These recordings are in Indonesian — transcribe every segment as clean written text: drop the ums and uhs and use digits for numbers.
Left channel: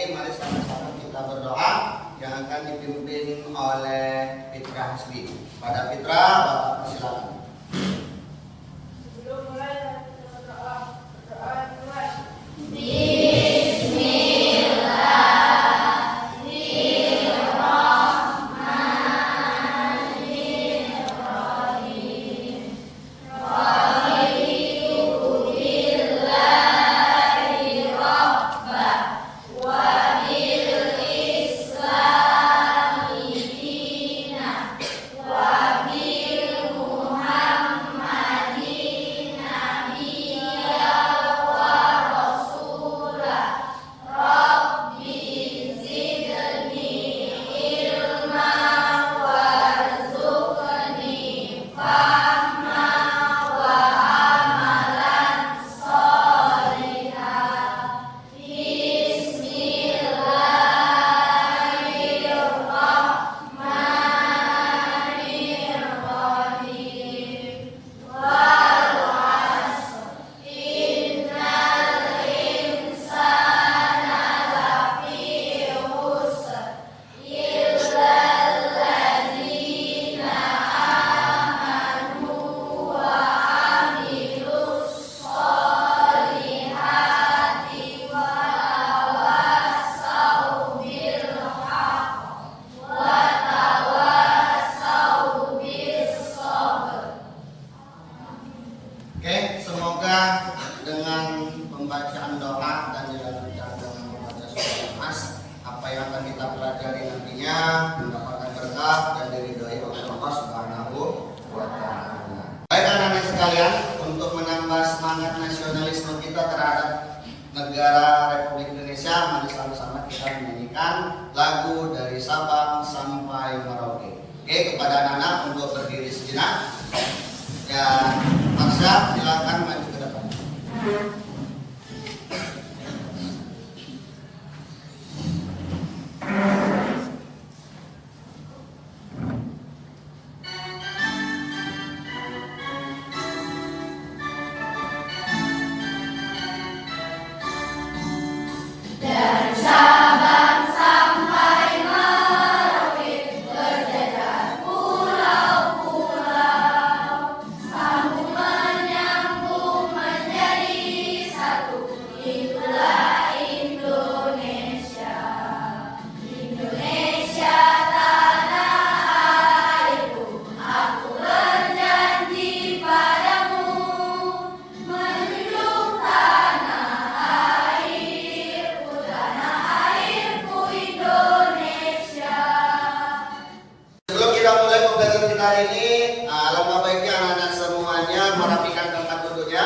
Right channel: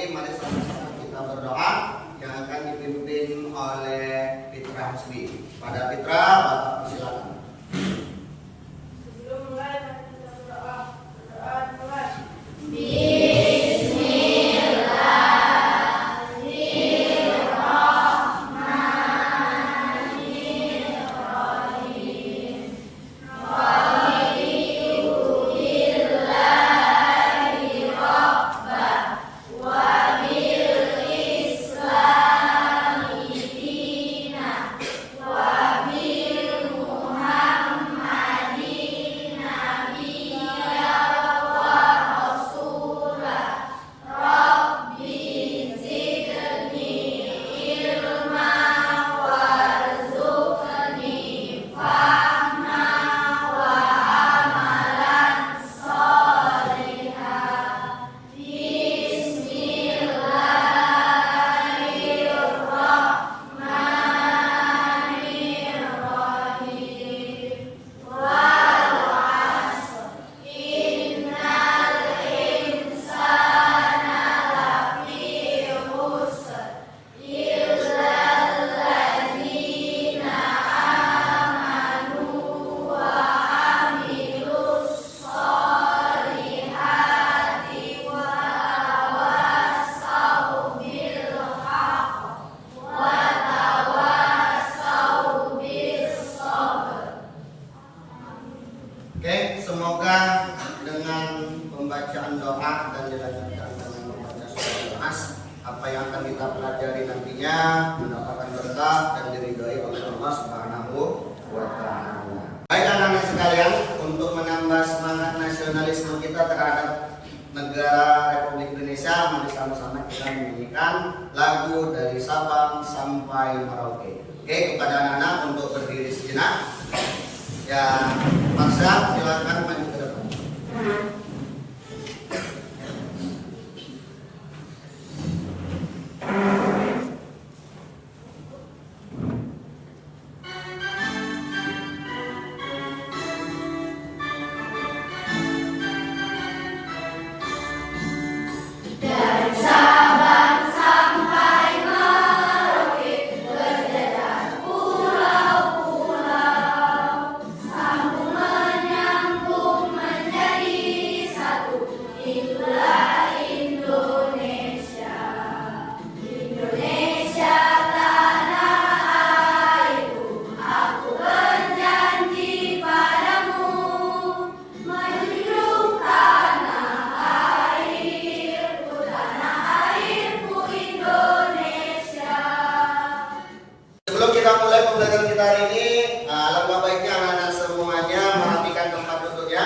ini mari sama-sama kita berdoa yang akan dipimpin oleh Fitra Hasbi. Pada Fitra, Bapak persilakan. Sebelum mulai kita berdoa mulai. Oke, semoga dengan pembacaan doa dan dilanjutkan dengan membaca surah Nas, apa yang akan kita pelajari nantinya mendapatkan berkah dan diridhoi oleh Allah Subhanahu wa Ta'ala. Baik anak-anak sekalian, untuk menambah semangat nasionalisme kita terhadap negara Republik Indonesia, mari sama-sama kita menyanyikan lagu dari Sabang sampai Merauke. Oke, kepada anak-anak untuk berdiri sejenak. Ya, Marsha, silakan maju ke depan. Dari Sabang sampai Merauke berdekat pulau-pulau, sambung menyambung menjadi satu. Itulah Indonesia, Indonesia tanah airku. Aku berjanji padamu menjunjung tanah airku Indonesia. Sebelum kita mulai pembelajaran kita hari ini, alangkah baiknya anak-anak semuanya merapikan tempat duduknya.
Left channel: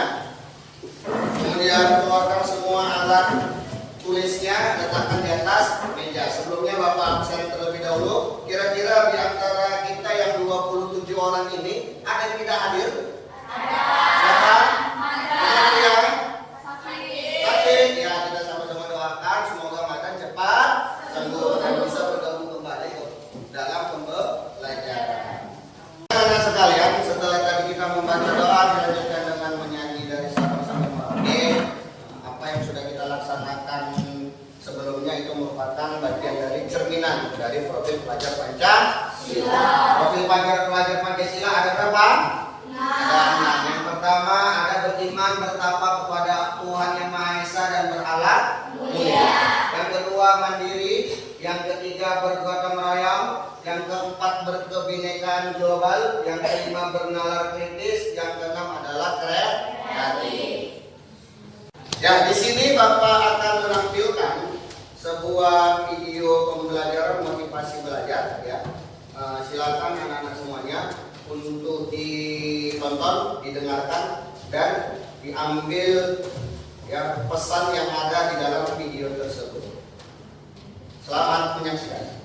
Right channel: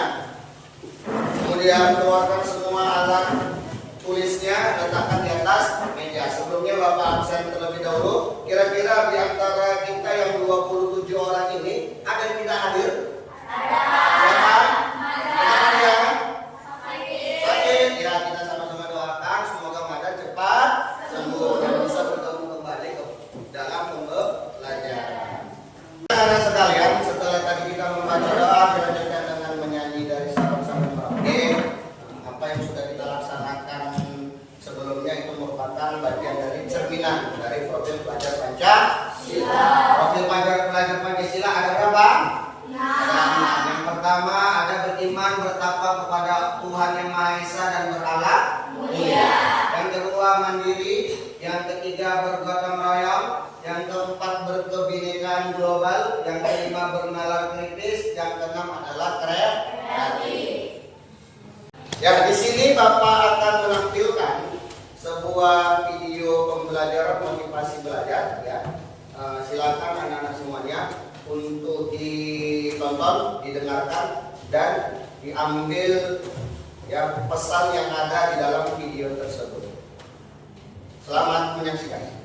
Kemudian keluarkan semua alat tulisnya, letakkan di atas meja. Sebelumnya Bapak absen terlebih dahulu. Kira-kira di antara kita yang 27 orang ini ada yang tidak hadir? Siapa? Ada yang sakit? Ya, kita sama-sama doakan semoga Madan cepat sembuh dan bisa bergabung kembali ke dalam pembelajaran. Anak-anak sekalian, setelah tadi kita membaca doa dilanjutkan dengan menyanyi dari Sabang sampai Merauke, apa yang sudah kita laksanakan sebelumnya itu merupakan bagian dari cerminan dari profil pelajar Pancasila. Profil pelajar Pancasila ada berapa? Ada 6. Yang pertama ada beriman bertakwa kepada Tuhan Yang Maha Esa dan berhalal mulia. Yang kedua mandiri. Yang ketiga bergotong royong. Yang keempat berkebinekaan global. Yang kelima bernalar kritis. Yang keenam adalah kreatif. Ya, di sini Bapak akan menampilkan sebuah video pembelajaran motivasi belajar. Ya, silakan anak-anak semuanya untuk ditonton, didengarkan, dan diambil ya pesan yang ada di dalam video tersebut. Selamat menyaksikan.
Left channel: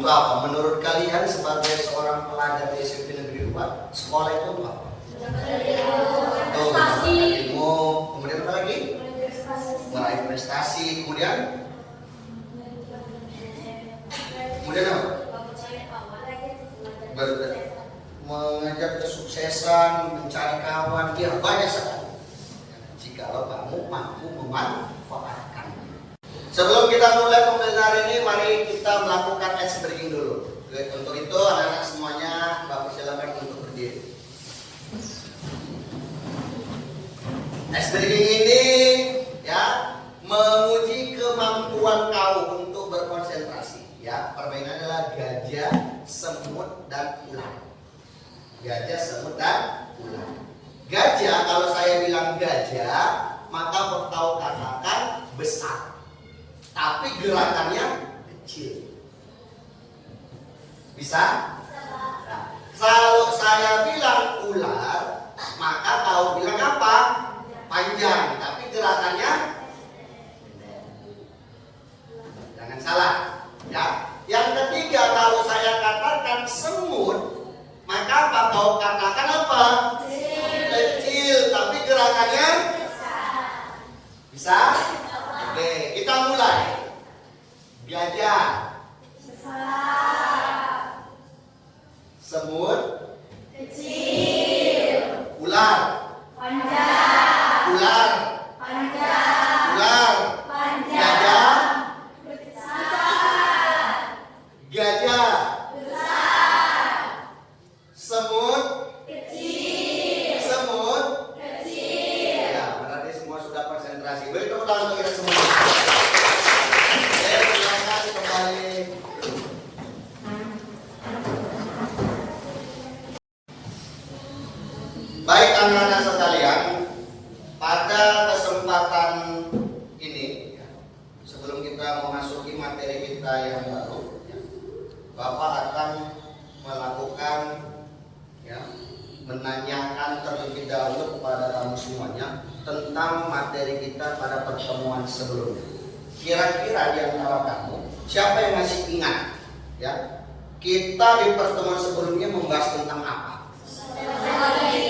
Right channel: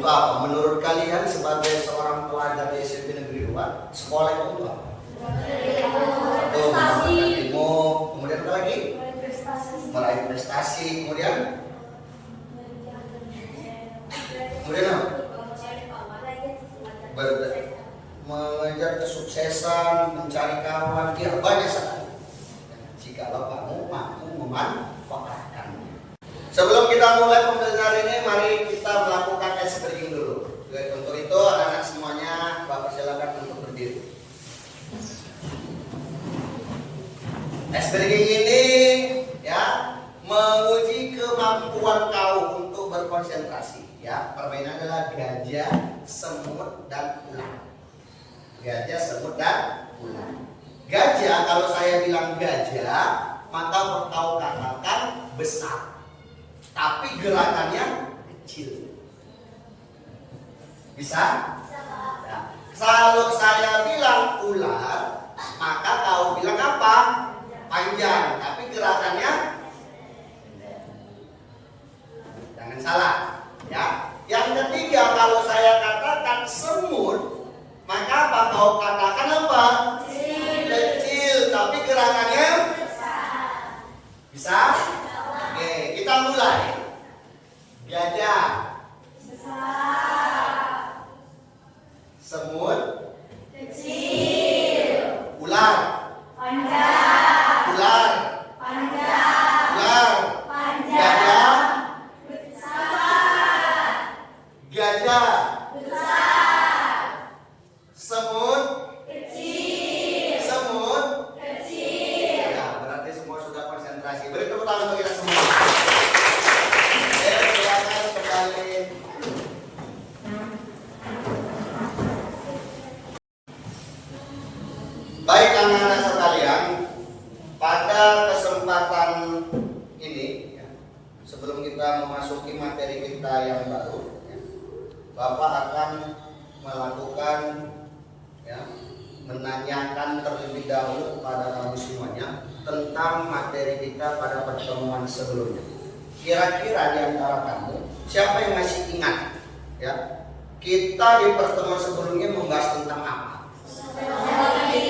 Untuk apa? Menurut kalian sebagai seorang pelajar di SMP Negeri 2, sekolah itu untuk apa? Tuh, mendapatkan ilmu, kemudian apa lagi? Meraih prestasi, kemudian apa? Mengejar kesuksesan, mencari kawan, ya banyak sekali. Jikalau kamu mampu memanfaatkannya. Sebelum kita mulai pembelajaran ini, mari kita melakukan ice breaking dulu. Untuk itu, anak-anak semuanya, Bapak silakan untuk berdiri. Ice breaking ini ya menguji kemampuan kau untuk berkonsentrasi. Ya, permainan adalah gajah, semut, dan ular. Gajah, semut, dan ular. Gajah, kalau saya bilang gajah, maka kau katakan besar, tapi gerakannya kecil. Bisa? Nah, kalau saya bilang ular, maka kau bilang apa? Panjang, tapi gerakannya pendek. Jangan salah, ya. Yang ketiga, kalau saya katakan semut, maka apa kau katakan apa? Kecil, tapi gerakannya bisa? Oke, kita mulai. Gajah, semut, Kecil. ular, Panjang. ular, Panjang. ular, Panjang. gajah, Besar. gajah, Besar. semut, Kecil. semut. Kecil. Ya, berarti semua sudah konsentrasi. Beri tepuk tangan untuk kita semua. Silakan kembali. Baik anak-anak sekalian, pada kesempatan ini, ya, sebelum kita memasuki materi kita yang baru, ya, Bapak akan melakukan, ya, menanyakan terlebih dahulu kepada kamu semuanya tentang materi kita pada pertemuan sebelumnya. Kira-kira di antara kamu siapa yang masih ingat, ya, kita di pertemuan sebelumnya membahas tentang apa?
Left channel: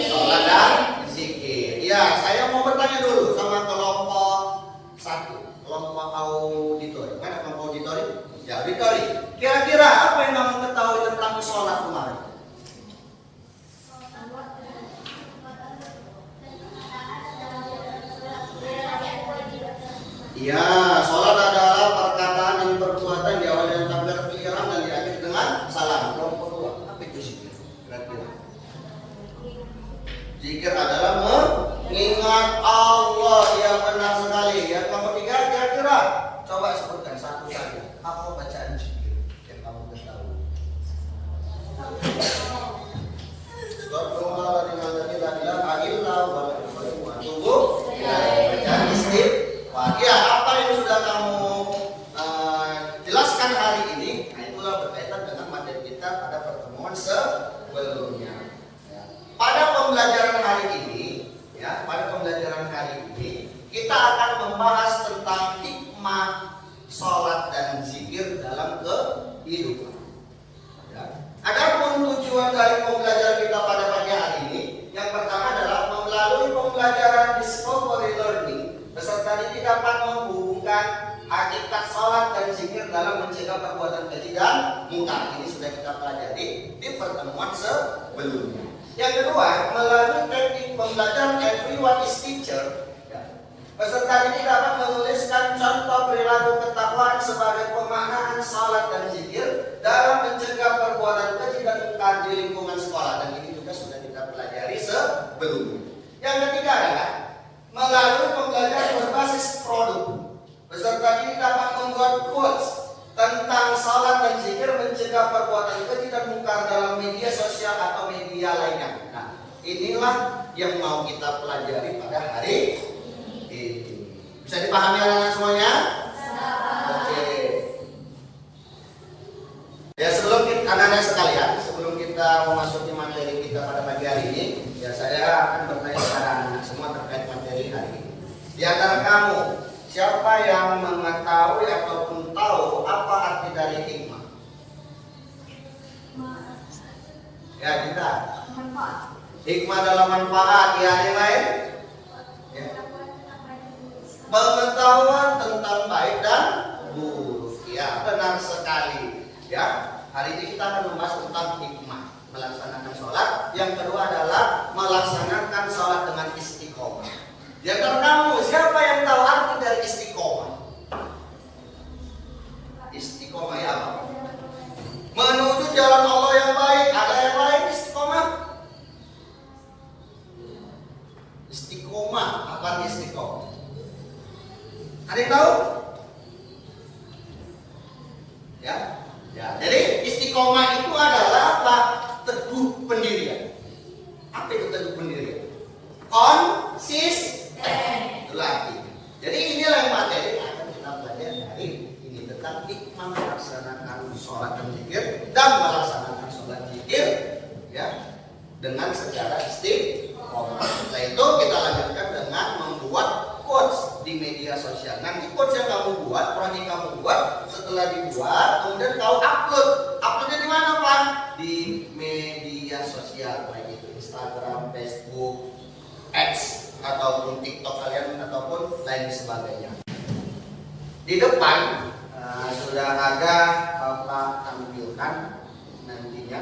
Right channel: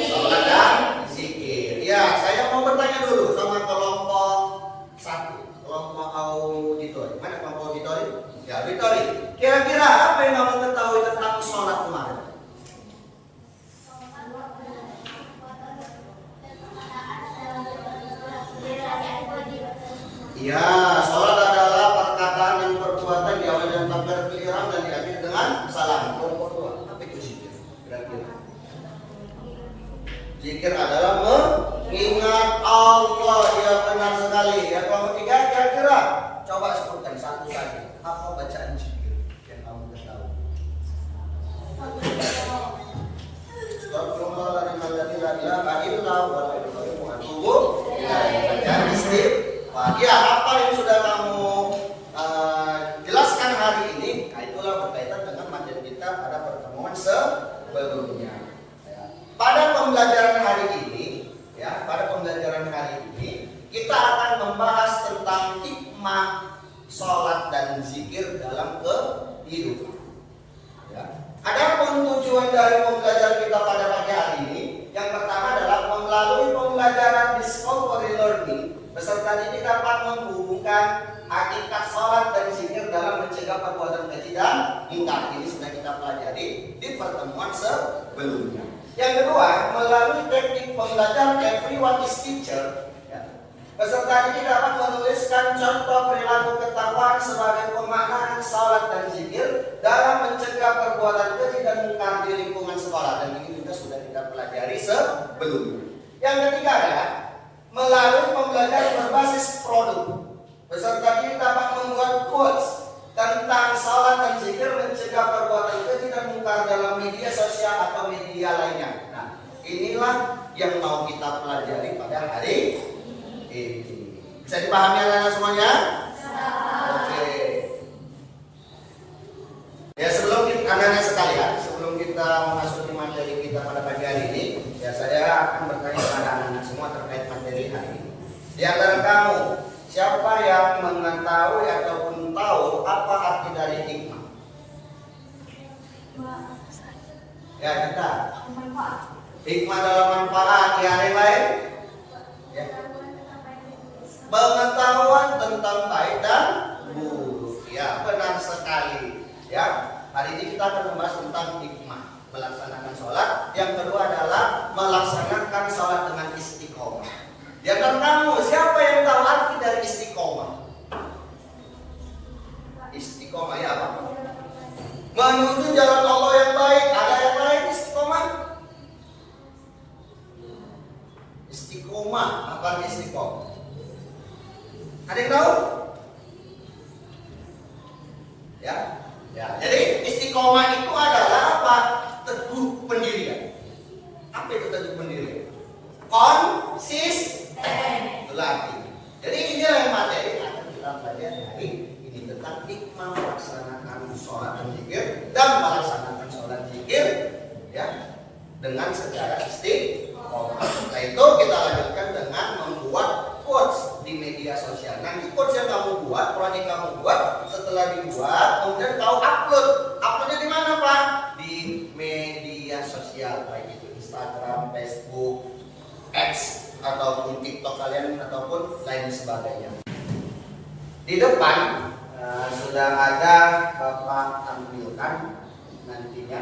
Sholat dan zikir. Ya, saya mau bertanya dulu sama kelompok 1, kelompok auditori. Mana kelompok auditori? Ya, auditori. Kira-kira apa yang kamu ketahui tentang sholat kemarin? Ya, sholat adalah perkataan dan perbuatan diawali dengan takbiratul ihram dan diakhiri dengan salam. Kelompok 2, apa itu zikir? Kira-kira. Zikir adalah mengingat Allah. Ya, benar sekali. Ya, kelompok 3 kira-kira. Coba sebutkan satu saja. Apa bacaan zikir yang kamu ketahui? Astagfirullahaladzim la ilaha illa huwa al-hayyul qayyum. Bacaan istighfar. Ya, apa yang sudah kamu jelaskan hari ini, nah itulah berkaitan dengan materi kita pada pertemuan sebelumnya. Pada pembelajaran hari ini, ya, pada pembelajaran hari ini kita akan membahas tentang hikmah sholat dan zikir dalam kehidupan. Ya. Adapun tujuan dari pembelajaran kita pada pagi hari ini, yang pertama adalah melalui pembelajaran discovery learning, peserta didik dapat menghubungkan hakikat sholat dan zikir dalam mencegah perbuatan keji dan mungkar. Ini sudah kita pelajari di pertemuan sebelumnya. Yang kedua, melalui teknik pembelajaran everyone is teacher, ya, peserta didik dapat menuliskan contoh perilaku ketakwaan sebagai pemaknaan sholat dan zikir dalam mencegah perbuatan keji dan mungkar di lingkungan sekolah, dan ini juga sudah kita pelajari sebelumnya. Yang ketiga adalah melalui pembelajaran berbasis produk, peserta didik dapat membuat quotes tentang sholat dan zikir mencegah perbuatan keji dan mungkar dalam media sosial atau media lainnya. Nah, inilah yang mau kita pelajari pada hari ini. Bisa dipahami anak-anak semuanya? Oke. Ya, sebelum anak-anak sekalian, sebelum kita memasuki materi kita pada pagi hari ini, ya saya akan bertanya kepada anak-anak semua terkait materi hari ini. Di antara kamu, siapa yang mengetahui ataupun tahu apa arti dari hikmah? Ya kita. Manfaat. Hikmah dalam manfaat. Ya, ada yang lain? Ya. Pengetahuan tentang baik dan buruk. Ya, benar sekali. Ya, hari ini kita akan membahas tentang hikmah melaksanakan sholat. Yang kedua adalah melaksanakan sholat dengan istiqomah. Di antara kamu, siapa yang tahu arti dari istiqomah? Istiqomah ya apa? Menuju jalan Allah yang baik. Ada yang lain istiqomah? Istiqomah, apa istiqomah? Ada yang tahu? Ya, ya. Jadi istiqomah itu adalah apa? Teguh pendirian. Apa itu teguh pendirian? Konsisten. Itulah arti. Jadi inilah yang materi yang akan kita belajar hari ini tentang hikmah melaksanakan sholat dan zikir dan melaksanakan sholat zikir ya dengan secara istiqomah. Setelah itu kita lanjutkan dengan membuat quotes di media sosial. Nanti quotes yang kamu buat, proyek kamu buat, setelah dibuat, kemudian kau upload. Uploadnya di mana, Pak? Di media sosial, baik itu Instagram, Facebook, X, ataupun TikTok kalian, ataupun lain sebagainya. Di depan sudah ada Bapak tampilkan nantinya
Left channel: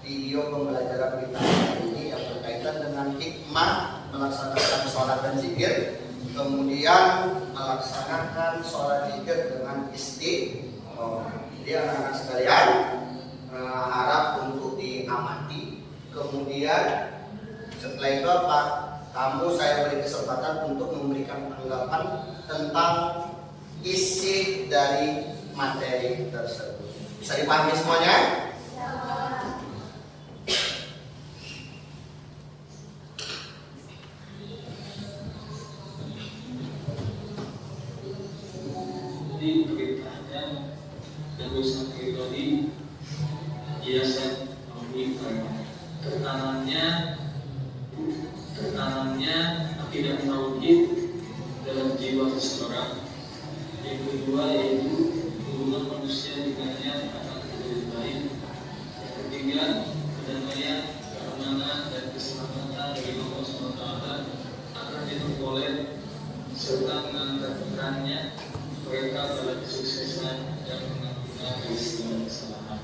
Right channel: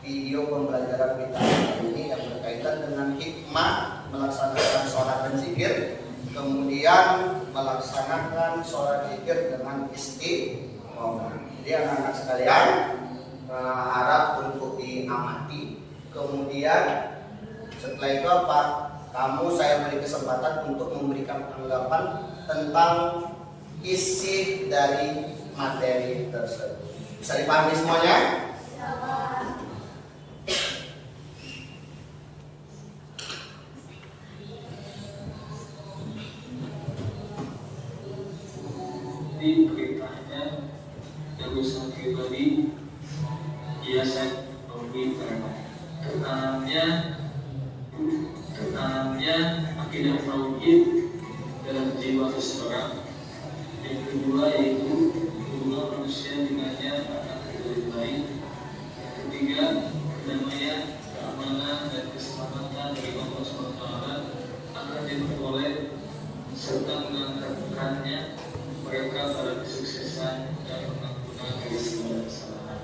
video pembelajaran kita ini yang berkaitan dengan hikmah melaksanakan sholat dan zikir. Kemudian melaksanakan sholat zikir dengan istiqomah. Jadi anak-anak sekalian harap untuk diamati. Kemudian setelah itu apa? Saya beri kesempatan untuk memberikan tanggapan tentang isi dari materi tersebut. Bisa dipahami semuanya? Di beritanya tegusan pribadi biasa ketenangannya tidak merugi dalam jiwa seseorang. Yang kedua yaitu hubungan manusia dengannya akan lebih baik. Yang ketiga kedamaian, keamanan dan keselamatan dari Allah SWT akan diperoleh serta mengantarkannya mereka pada kesuksesan yang mengampuni dari segala kesalahan.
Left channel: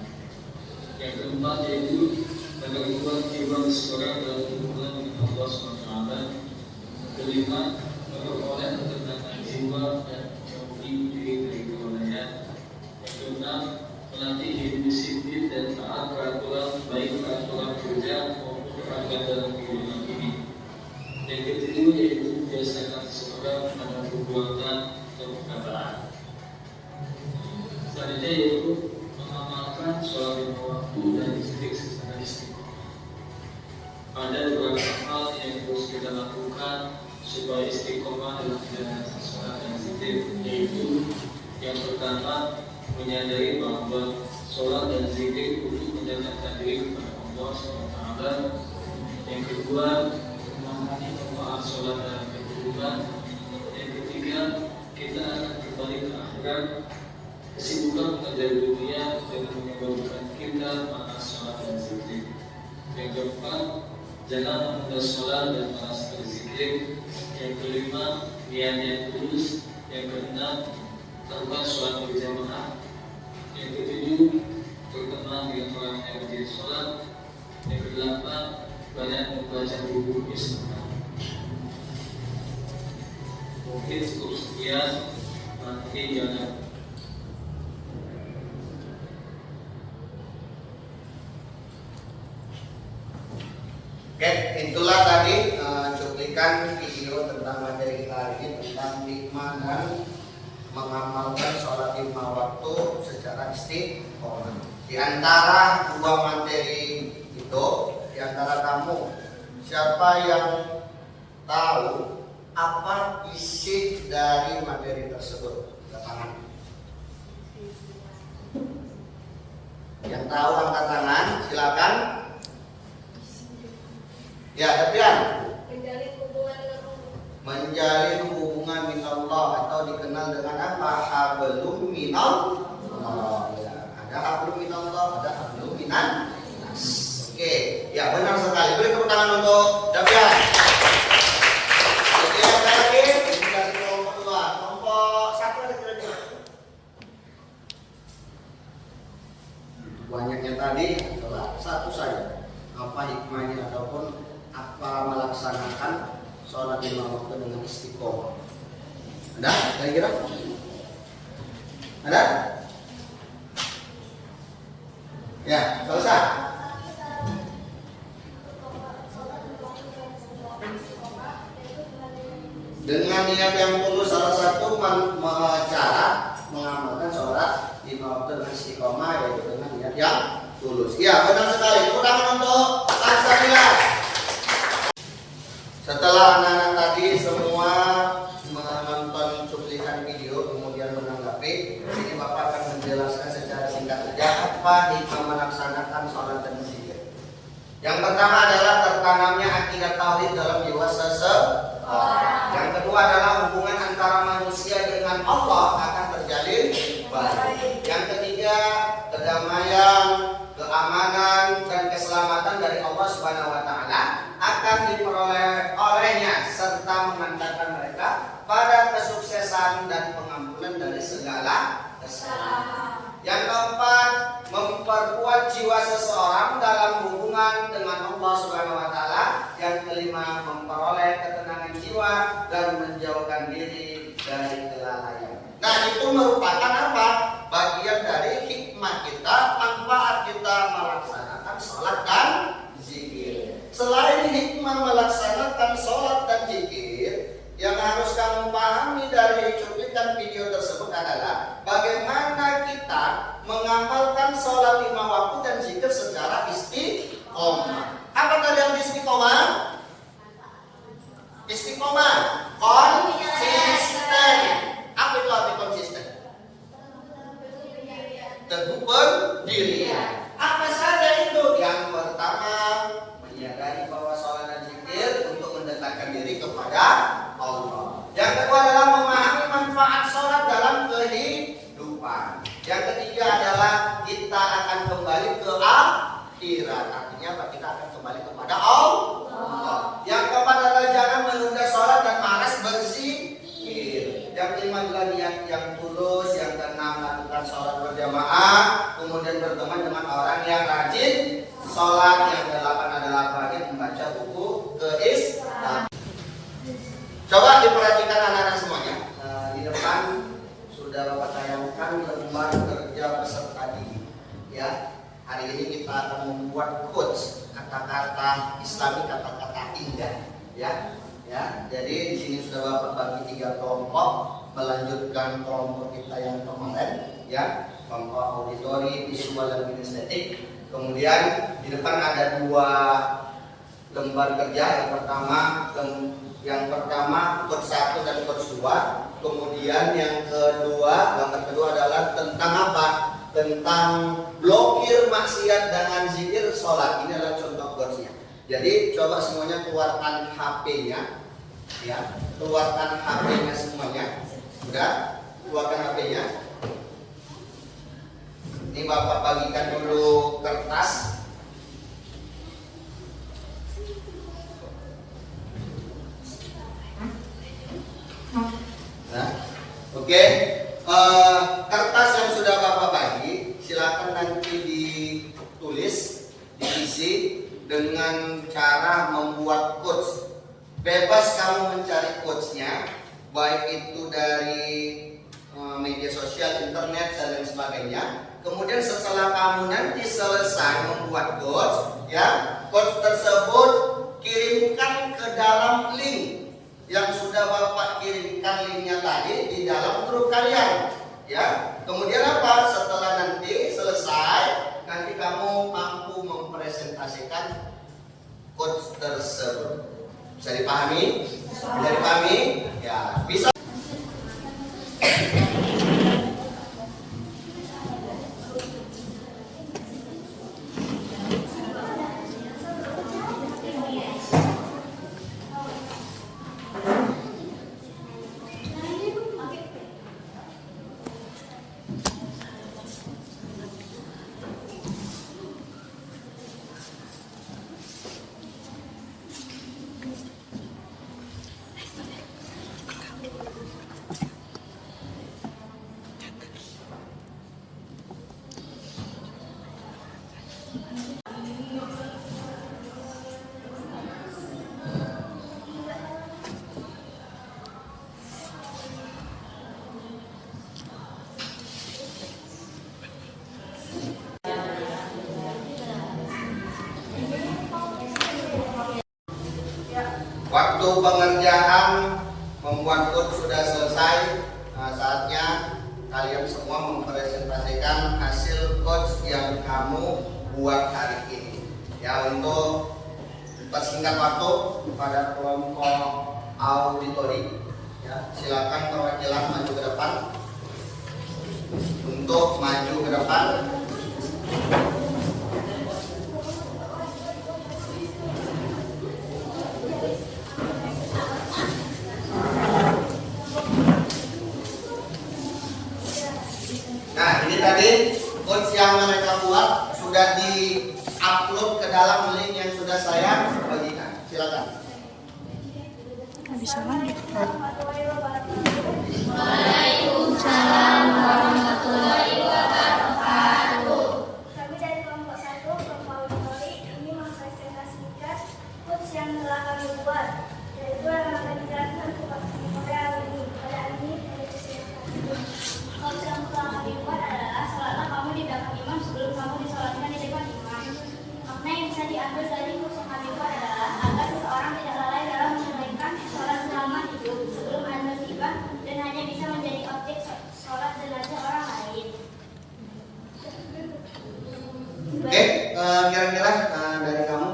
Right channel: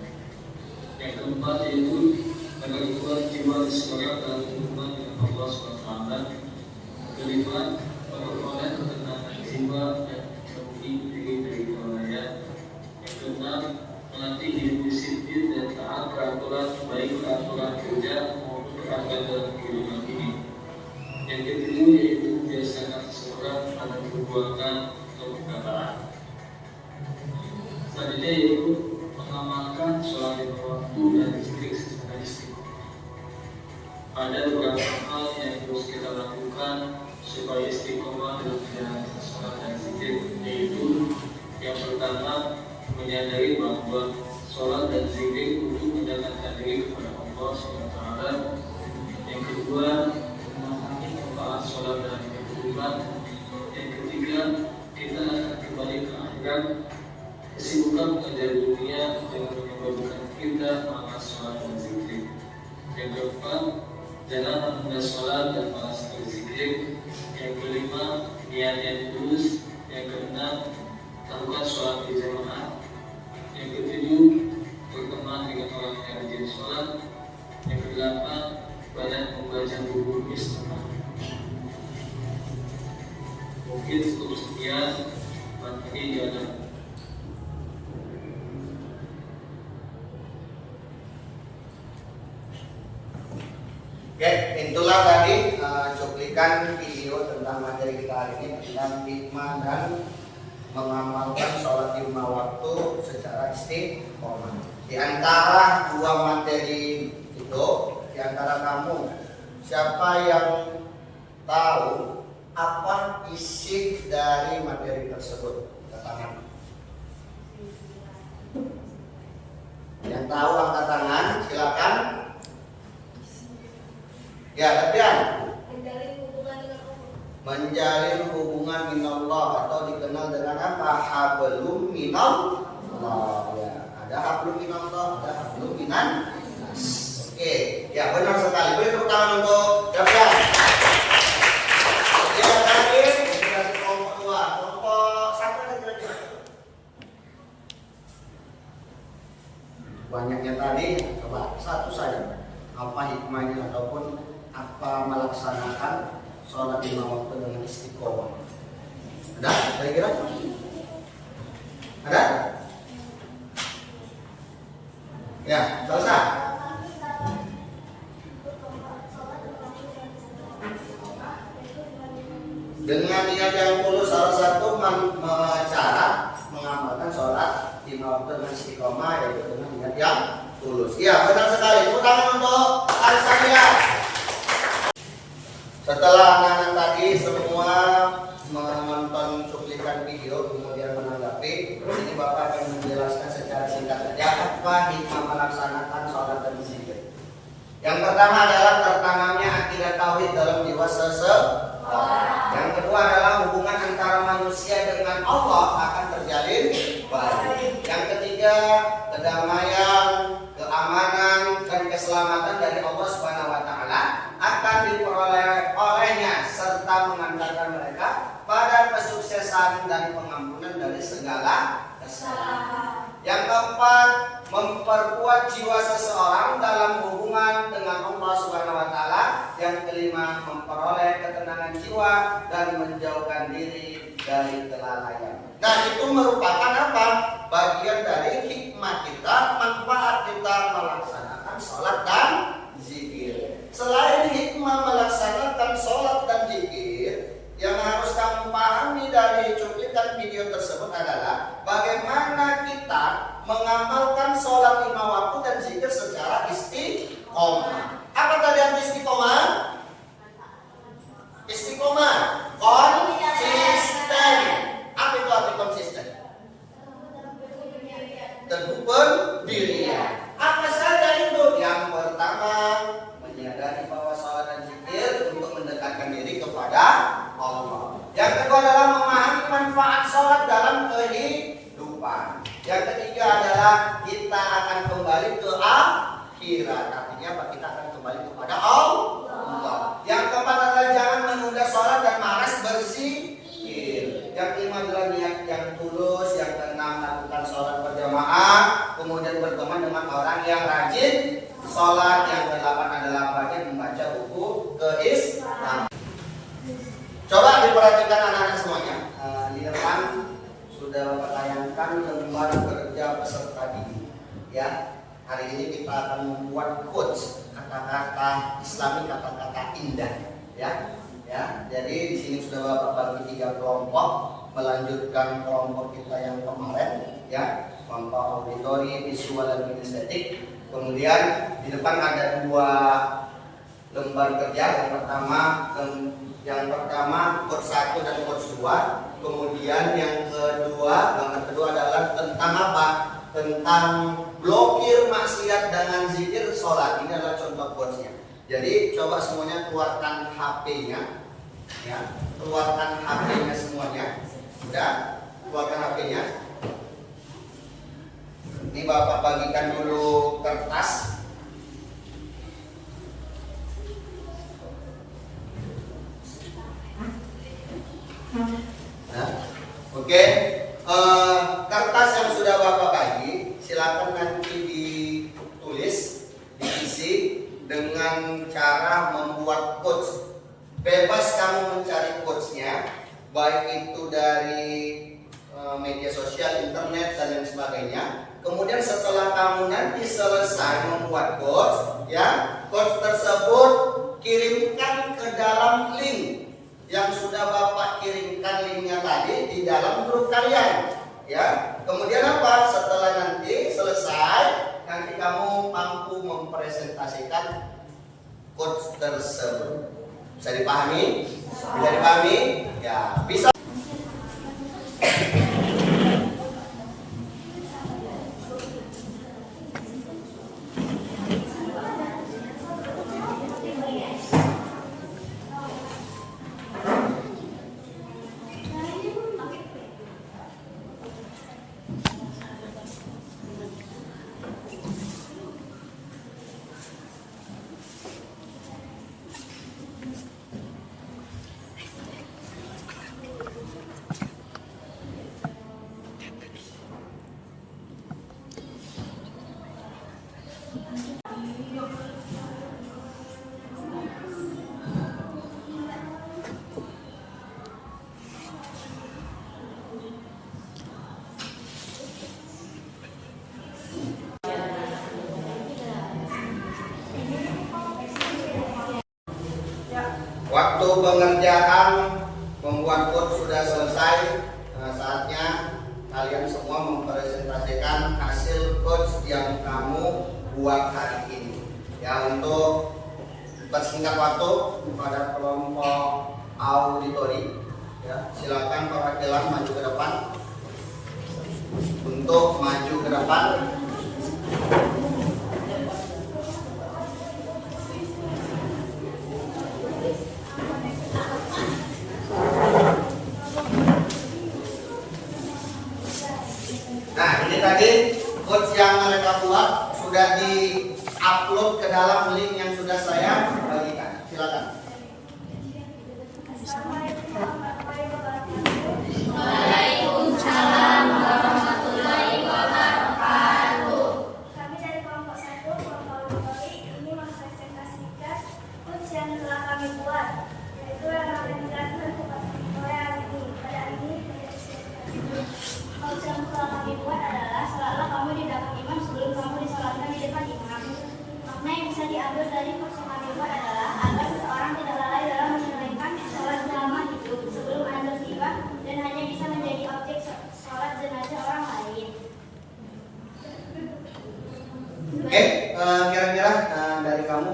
Yang keempat yaitu agar kuat jiwa seseorang dalam hubungan dengan Allah SWT. Kelima, memperoleh ketenangan jiwa dan menjauhi diri dari kelalaian. Yang keenam, melatih diri disiplin dan taat peraturan baik peraturan kerja maupun peraturan dalam kehidupan ini. Yang ketujuh yaitu biasakan seseorang pada perbuatan atau perkataan. Selanjutnya yaitu mengamalkan sholat lima waktu dan zikir secara istiqomah. Ada beberapa hal yang harus kita lakukan supaya istiqomah dalam menjalankan sholat dan zikir, yaitu yang pertama menyadari bahwa sholat dan zikir untuk mendekatkan diri kepada Allah SWT. Yang kedua, memahami manfaat sholat dalam kehidupan. Yang ketiga, kita akan kembali ke akhirat. Kesibukan mengejar dunia dengan menyebabkan kita malas sholat dan zikir. Yang keempat, jangan menunda sholat dan malas berzikir. Yang kelima, niat yang tulus. Yang keenam, lakukan sholat berjamaah. Yang ketujuh, berteman dengan orang yang rajin sholat. Yang kedelapan, banyak membaca buku Islam. Mungkin cukup sekian. Nanti jangan. Oke, itulah tadi cuplikan video tentang materi kita hari ini tentang hikmah dan mengamalkan sholat lima waktu secara istiqomah. Di antara dua materi itu, di antara kamu, siapa yang tahu apa isi dari materi tersebut? Angkat tangan. Yang tahu angkat tangan, silakan. Ya, Depian. Menjalin hubungan dengan Allah. Menjalin hubungan minallah atau dikenal dengan apa? Hablum minallah. Ya, ada hablum minallah, ada hablum minan nas. Oke. banyaknya tadi adalah satu saja, apa hikmahnya ataupun apa melaksanakan sholat lima waktu dengan istiqomah. Ada kira-kira? Ada? Ya, selesai. Dengan niat yang tulus, salah satu cara mengamalkan sholat lima waktu dengan istiqomah yaitu dengan niat yang tulus. Iya, benar sekali. Tepuk tangan untuk Al-Samila. Setelah anak-anak tadi semua menonton cuplikan video kemudian menanggapi, sini Bapak akan menjelaskan secara singkat saja apa hikmah melaksanakan sholat dan zikir. Yang pertama adalah tertanamnya akidah tauhid dalam jiwa seseorang. Yang kedua adalah hubungan antara manusia dengan Allah akan terjalin baik. Yang ketiga, kedamaian, keamanan dan keselamatan dari Allah Subhanahu wa taala akan diperoleh olehnya serta mengantarkan mereka pada kesuksesan dan pengampunan dari segala kesalahan. Yang keempat, memperkuat jiwa seseorang dalam hubungan dengan Allah Subhanahu wa taala. Yang kelima, memperoleh ketenangan jiwa dan menjauhkan diri dari kelalaian. Nah, itu merupakan apa? Bagian dari hikmah kita, manfaat kita melaksanakan sholat dan zikir. Selain hikmah melaksanakan sholat dan zikir, yang harus kamu pahami dari cuplikan video tersebut adalah bagaimana kita mengamalkan sholat lima waktu dan zikir secara istiqomah. Apa tadi yang istiqomah? Istiqomah, konsisten. Apa itu arti konsisten? Teguh pendirian. Apa saja itu? Yang pertama, menyadari bahwa sholat dan zikir untuk mendekatkan diri kepada Allah. Yang kedua adalah memahami manfaat sholat dalam kehidupan. Yang ketiga adalah kita akan kembali ke akhirat. Artinya apa? Kita akan kembali kepada Allah. Yang keempat adalah jangan menunda sholat dan malas berzikir. Yang kelima adalah niat yang tulus. Yang keenam, lakukan sholat berjamaah. Kemudian berteman dengan orang yang rajin sholat. Yang kedelapan adalah bagian membaca buku keislaman. Coba diperhatikan anak-anak semuanya. Di depan sudah Bapak tayangkan lembar kerja peserta didik. Ya, hari ini kita akan membuat quotes, kata-kata Islami, kata-kata indah. Ya. Jadi di sini sudah Bapak bagi 3 kelompok, melanjutkan kelompok kita yang kemarin. Ya, kelompok auditori, visual dan kinestetik. Kemudian di depan ada 2 lembar kerja. Yang pertama quotes 1 dan quotes 2. Kemudian yang kedua, lembar kedua adalah tentang apa? Tentang blokir maksiat dengan zikir sholat. Ini adalah contoh quotesnya. Jadi coba semuanya keluarkan HP-nya, ya, keluarkan HP-nya semuanya. Sudah, keluarkan HP-nya. Ini Bapak bagikan dulu kertas. Nah, oke. Kertas yang sudah Bapak bagi, silakan nanti ditulis, diisi dengan cara membuat quotes. Bebas kamu mencari quotesnya, baik itu dari media sosial, internet dan lain sebagainya. Kemudian setelah kamu nanti selesai membuat quotes, ya, quotes tersebut kirimkan ke dalam link yang sudah Bapak kirimkan linknya tadi di dalam grup kalian, ya. Kemudian apa? Setelah nanti selesai, nanti kamu mampu mempresentasikan quotes tersebut. Bisa dipahami? Bisa dipahami? Ya, bisa. Waktu pengerjaan membuat code sudah selesai. Saatnya kalian semua mempresentasikan hasil code yang kamu buat hari ini. Ya, untuk bersingkat waktu kepada kelompok auditori, ya, silakan perwakilan maju ke depan untuk maju ke depan. Nah, ini tadi coach yang mereka buat sudah di-upload ke dalam link yang sudah saya bagikan. Silakan. Waalaikumsalam warahmatullahi wabarakatuh. Kami dari kelompok 1, kelompok auditori, ini mempresentasikan coach yang telah kami buat, yaitu yang akan dijelaskan oleh hari ini. Pada hari ini, coach yang telah kami buat adalah sholatlah kamu di depan imam sebelum kamu disolatkan di depan imam. Makna yang bisa diambil dari coach yang kami buat adalah agar seseorang tidak lalai dalam menunaikan sholat selama hidup sebelum anda tiba dan hanya bisa menjadi objek sholat jenazah orang lain. Oke, kira-kira dari kamu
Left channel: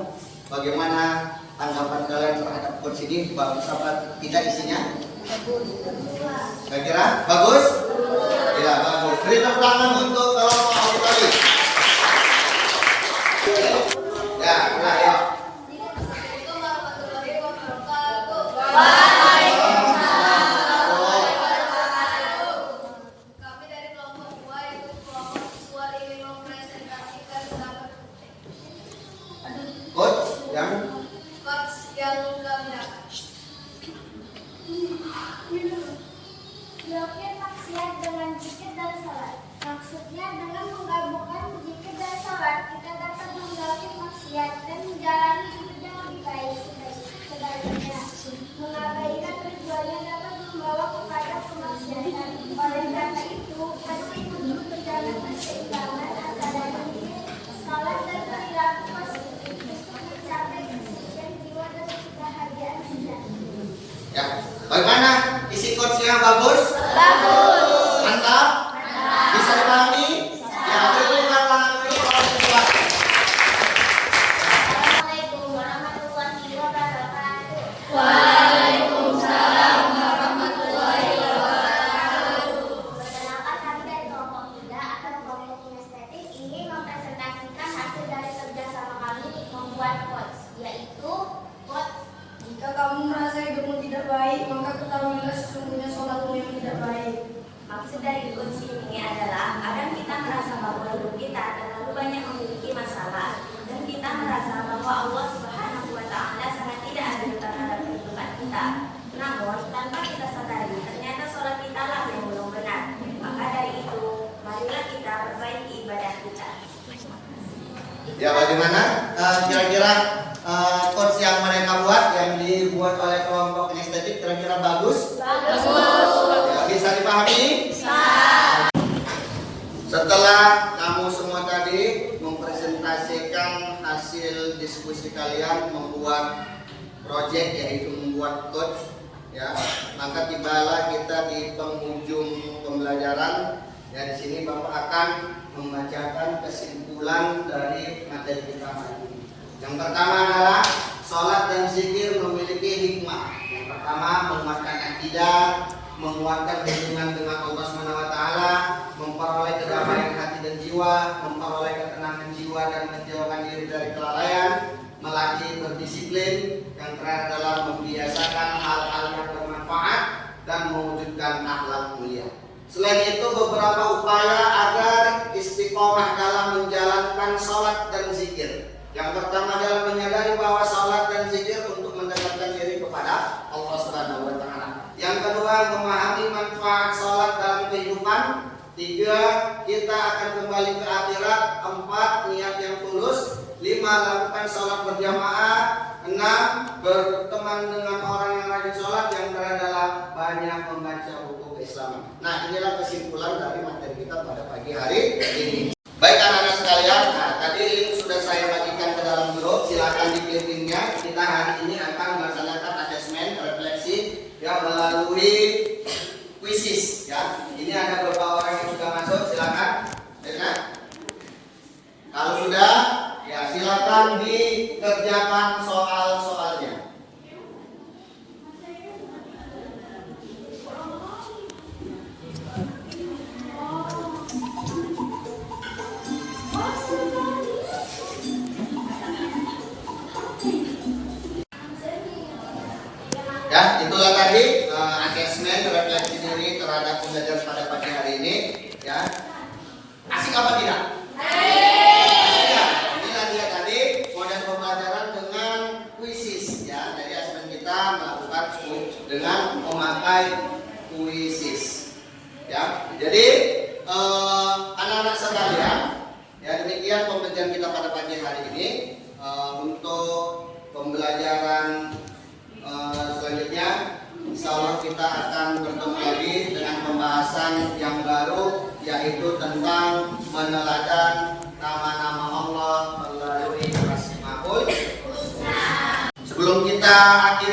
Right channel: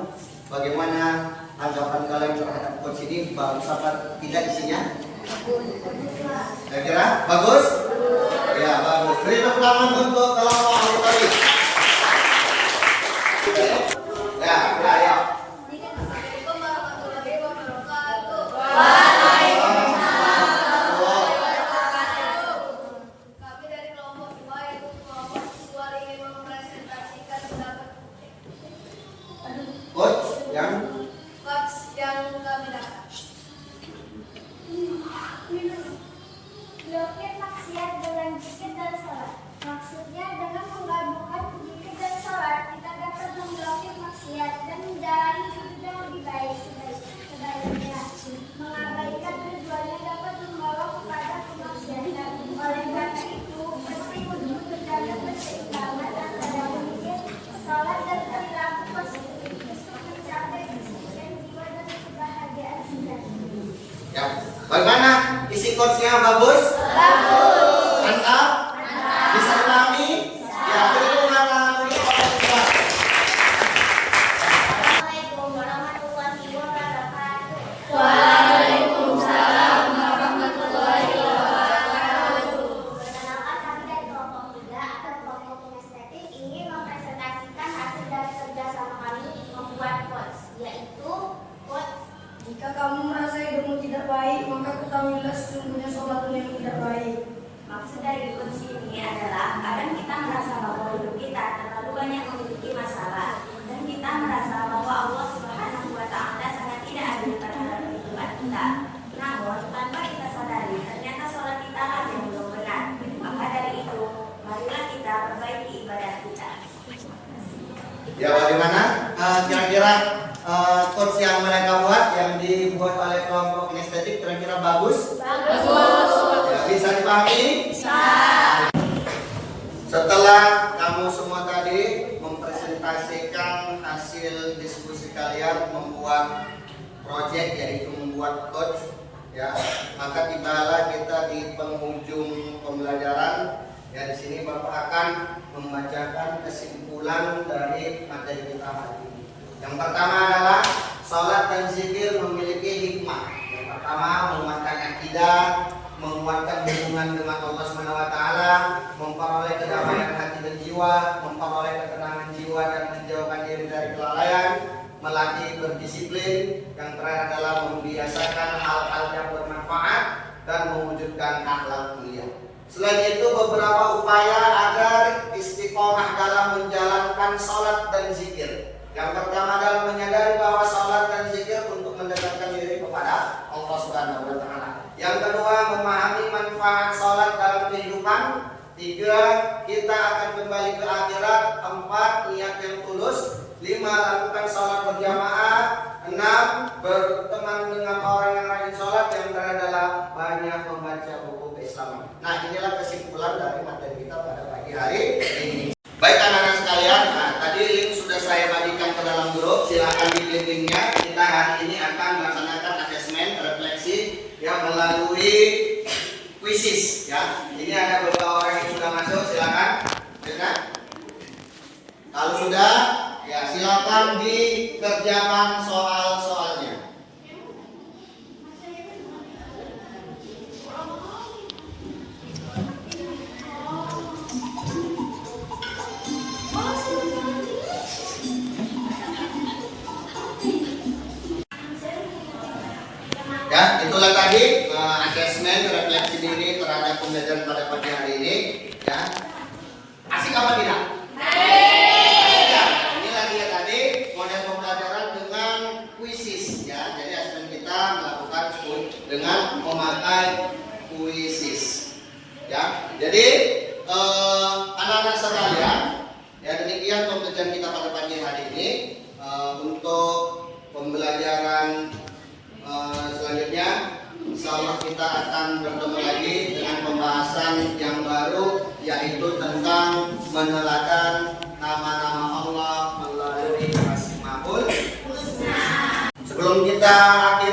bagaimana tanggapan kalian terhadap coach ini? Bagus apa tidak isinya? Kira-kira bagus? Ya, bagus. Beri tepuk tangan untuk kelompok auditori. Ya, ayo. Assalamualaikum warahmatullahi wabarakatuh. Kami dari kelompok 2 yaitu kelompok siswa ingin mempresentasikan pendapat Coach yang coach yang kami dapat. Blokir maksiat dengan zikir dan sholat. Maksudnya dengan menggabungkan zikir dan sholat, kita dapat memblokir maksiat dan menjalani hidup yang lebih baik. Sebaliknya, mengabaikan tujuannya dapat membawa kepada kemaksiatan. Oleh karena itu, penting untuk menjaga keseimbangan antara zikir, sholat dan perilaku positif untuk mencapai kesucian jiwa dan kebahagiaan sejati. ya. Bagaimana isi coachnya bagus? Bagus. Mantap? Bisa dipahami? Ya, beri tangan dulu orang tua. Assalamualaikum warahmatullahi wabarakatuh. Waalaikumsalam warahmatullahi wabarakatuh. Perkenalkan, kami dari kelompok 3 atau kelompok kinestetik ingin mempresentasikan hasil dari kerjasama kami membuat quotes, yaitu quotes. Jika kamu merasa hidupmu tidak baik, maka ketahuilah sesungguhnya sholatmu yang tidak baik. Maksud dari quotes ini adalah kadang kita merasa bahwa hidup kita terlalu banyak memiliki masalah dan kita merasa bahwa Allah Subhanahu wa Ta'ala sangat tidak adil terhadap kehidupan kita. Namun tanpa kita sadari ternyata sholat kita lah yang belum benar. Maka dari itu marilah kita perbaiki ibadah kita. Ya, bagaimana? Kira-kira coach yang mereka buat, yang dibuat oleh kelompok kinestetik, kira-kira bagus? Bagus. Ya, bisa dipahami? Setelah kamu semua tadi mempresentasikan hasil diskusi kalian membuat project, yaitu membuat coach, ya, maka tibalah kita di penghujung pembelajaran. Ya, di sini Bapak akan membacakan kesimpulan dari materi kita hari ini. Yang pertama adalah sholat dan zikir memiliki hikmah. Yang pertama, menguatkan akidah, menguatkan hubungan dengan Allah SWT, memperoleh kedamaian hati dan jiwa, memperoleh ketenangan jiwa dan menjauhkan diri dari kelalaian, melatih berdisiplin, yang terakhir adalah membiasakan hal-hal yang bermanfaat dan mewujudkan akhlak mulia. Selain itu, beberapa upaya agar istiqomah dalam menjalankan sholat dan zikir. Yang pertama adalah menyadari bahwa sholat dan zikir untuk mendekatkan diri kepada Allah Subhanahu wa Ta'ala. Yang kedua, memahami manfaat sholat dalam kehidupan. 3, kita akan kembali ke akhirat. 4, niat yang tulus. berjamaah. 6. Berteman dengan orang yang rajin sholat. Yang terakhir adalah banyak membaca buku keislaman. Nah, inilah kesimpulan dari materi kita pada pagi hari ini. Baik anak-anak sekalian, nah, tadi link sudah saya bagikan ke dalam grup. Silakan diklik linknya. Kita hari ini akan melaksanakan asesmen refleksi yang melalui quizzes. Ya, ini ada beberapa orang yang sudah masuk. Silakan. Ya. Kalau sudah, ya silakan dikerjakan soal-soalnya. Ya, itulah tadi asesmen refleksi diri terhadap pembelajaran pada pagi hari ini. Ya, asik apa tidak? Ya, inilah dia tadi model pembelajaran dengan quizzes. Ya, jadi asesmen kita melakukan dengan memakai quizzes. Ya, jadi anak-anak sekalian, ya demikian pembelajaran kita pada pagi hari ini. Untuk pembelajaran selanjutnya, insyaallah kita akan bertemu lagi dengan pembahasan yang baru, yaitu tentang meneladan nama-nama Allah melalui Asmaul Husna. Sebelum kita akhiri